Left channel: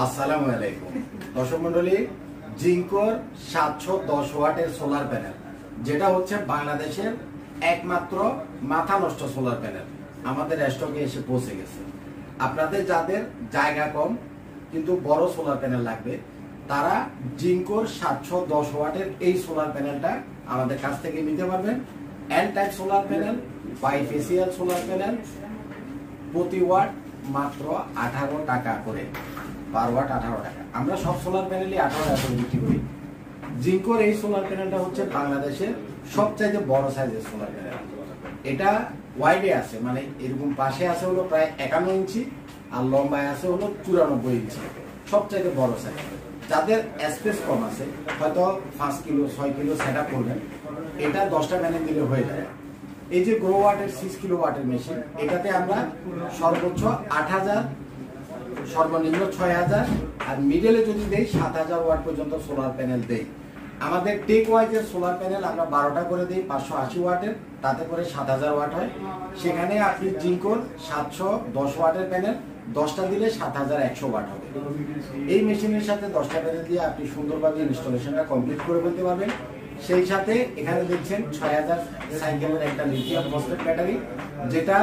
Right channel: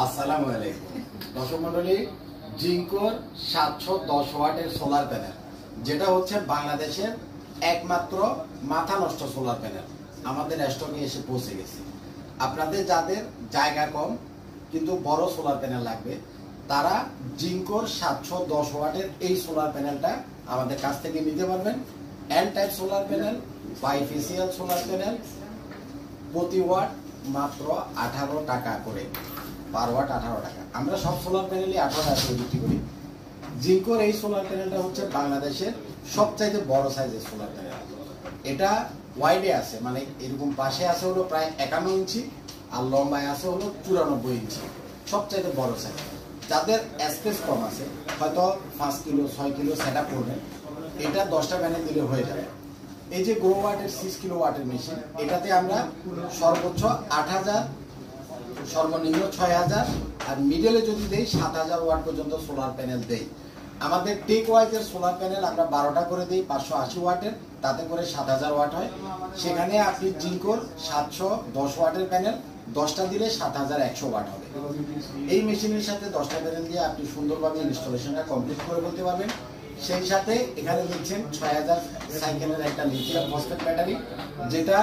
আসসালামু আলাইকুম দর্শক মন্ডলী, জিঙ্কোর 710 ওয়াটের সোলার প্যানেল, যেটা হচ্ছে বাংলাদেশের একমাত্র মাথা নষ্ট সোলার প্যানেল, আমাদের স্টকে এসে পৌঁছে গেছে। আপনাদের যাদের জায়গা কম কিন্তু বড় সোলার প্যানেল লাগবে, তারা জিঙ্কোর 710 ওয়াটের এই সোলার প্যানেলটা আমাদের কাছ থেকে নিতে পারবেন। N type solar panel, bifacial solar panel, প্রতি ওয়াট মাত্র 18 টাকা করে, পার ওয়াট 18 টাকা। আমরা সব সোলার প্যানেলই 18 টাকা করে বিক্রি করি। জিঙ্কোর এই সোলার প্যানেলটা হচ্ছে বাংলাদেশের সবচাইতে বড় সাইজের সোলার প্যানেল। এটা ওয়াইডে আছে, মানে এরকম পাশে আছে হলো প্রায় 51 ইঞ্চি আর লম্বায় আছে হলো 94 ইঞ্চি, সবচাইতে বড় সাইজ। যাদের স্পেস কম আছে, হয়তো 5 কিলো 6 কিলো সেট আপ করবেন, এটা 10টা প্যানেল দিলে হয়ে যাবে। এই যে গ্রো ওয়াটের 6 কিলো ওয়াটের মেশিন, এটাতে আমরা সর্বোচ্চ 8000, সর্বনিম্ন 6000 আর মিডলে যদি দেই 7000 ওয়াট পর্যন্ত সোলার প্যানেল দেই। আমাদের টেক ওয়াইজের সোলার প্যানেল আমরা 12টা করে দিই 580 ওয়াটের, তাতে করে 7000 ওয়াট হয়। সেখানে আপনি জিঙ্কোর 710 ওয়াটের প্যানেল 10টা দিলে 7100 ওয়াট হবে। এই মেশিনের সাথে 10টা প্যানেল দিয়ে আপনি সুন্দরভাবে ইনস্টলেশনটা কমপ্লিট করে ফেলতে পারবেন। সেই সাথে এখানে দেখছেন 6000 সাইকেলের একটা লিথিয়াম ফসফেট ব্যাটারি, যেটা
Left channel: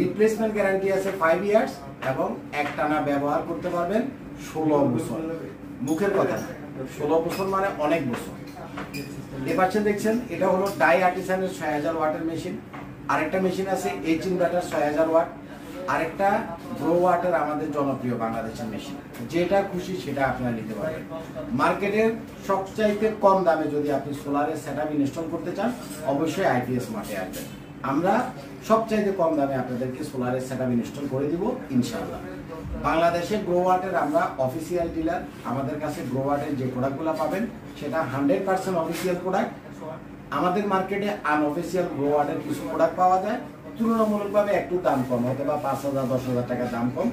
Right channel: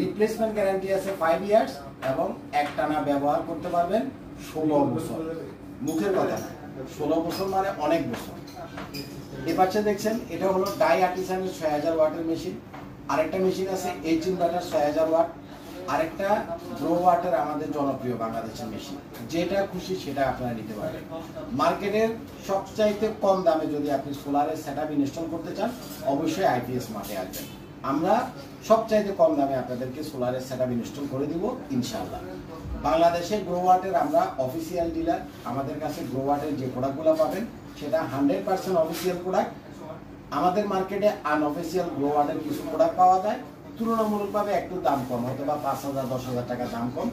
রিপ্লেসমেন্ট গ্যারান্টি আছে 5 ইয়ার্স এবং একটানা ব্যবহার করতে পারবেন 16 বছর। মুখের কথা না, 16 বছর মানে অনেক বছর। এ পাশে দেখছেন এটা হলো ডাই আর্টিসানের 6000 ওয়াটের মেশিন। আরেকটা মেশিন আছে এইচ ইনভার্টার 6000 ওয়াট। আরেকটা গ্রো ওয়াটার আমাদের জনপ্রিয় বাংলাদেশের মেশিন, যেটা খুশি সেটা আপনারা নিতে পারবেন। মার্কেটের সবচাইতে কম দামে যদি আপনি সোলারের সেটআপ ইনস্টল করতে চান, অবশ্যই আইপিএস মার্টে আসবেন। আমরা সবচাইতে কম দামে আপনাদেরকে সোলারের সেটআপ ইনস্টল করে দিব ইনশাআল্লাহ। বাংলাদেশে গ্রো ওয়াটের আমরা অফিসিয়াল ডিলার। আমাদের কাছে গ্রো ওয়াটের যে প্রোডাক্টগুলো পাবেন সেটা 100% অফিসিয়াল প্রোডাক্ট। আমাদের মার্কেটে আনঅফিসিয়াল গ্রো ওয়াটের কিছু প্রোডাক্ট পাওয়া যায়, তুলনামূলকভাবে একটু দাম কম, হয়তো বা 5000-10,000 টাকা দাম কম।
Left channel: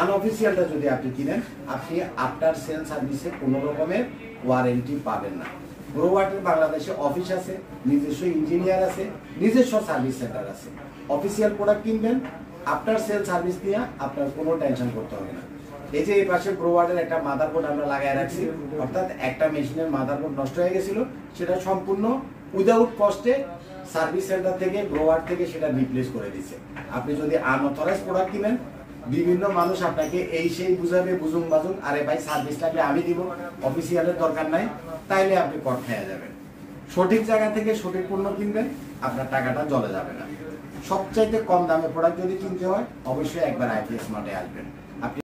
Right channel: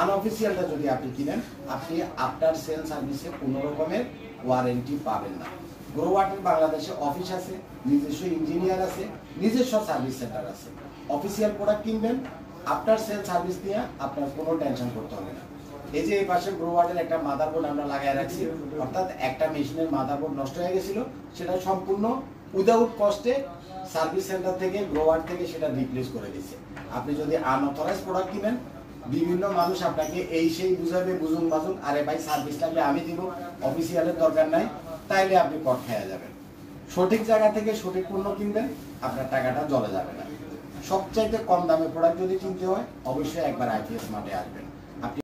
আনঅফিসিয়ালটা যদি আপনি কিনেন, আপনি আফটার সেল সার্ভিসে কোনো রকমের ওয়ারেন্টি পাবেন না। গ্রো ওয়াটের বাংলাদেশে অফিস আছে, নিজস্ব ইঞ্জিনিয়ার আছে, নিজস্ব সার্ভিস সেন্টার আছে। অফিসিয়াল প্রোডাক্ট কিনবেন, আফটার সেল সার্ভিস দিয়ে আপনার কোনো টেনশন করতে হবে না। এই যে এই পাশে গ্রো ওয়াটের একটা মাদারবোর্ড আমরা লাগাই রাখছি, অর্থাৎ একটা মেশিনের মাদারবোর্ড নষ্ট হয়ে গেছিল, সেটা সম্পূর্ণ উইদাউট কস্টে সার্ভিস সেন্টার থেকে গ্রো ওয়াট থেকে সেটা রিপ্লেস করে দিচ্ছে। আপনি যদি আনঅথরাইজ প্রোডাক্ট কিনেন, বিভিন্ন মানুষ আপনাকে এই সেই বুঝাবে, বুঝুন বাজুন, আরে ভাই সার্ভিস লাগলে আমি দিব, অফিসিয়ালের দরকার নাই, তাইলে আপনি কট খেয়ে যাবেন। সঠিক জায়গা থেকে সঠিক পণ্য কিনবেন, আপনার টাকাটা জলে যাবে না। সবচাইতে কম দামে প্রোডাক্ট যদি কিনতে হয়, অবশ্যই একবার আইপিএস মার্টে আসবেন।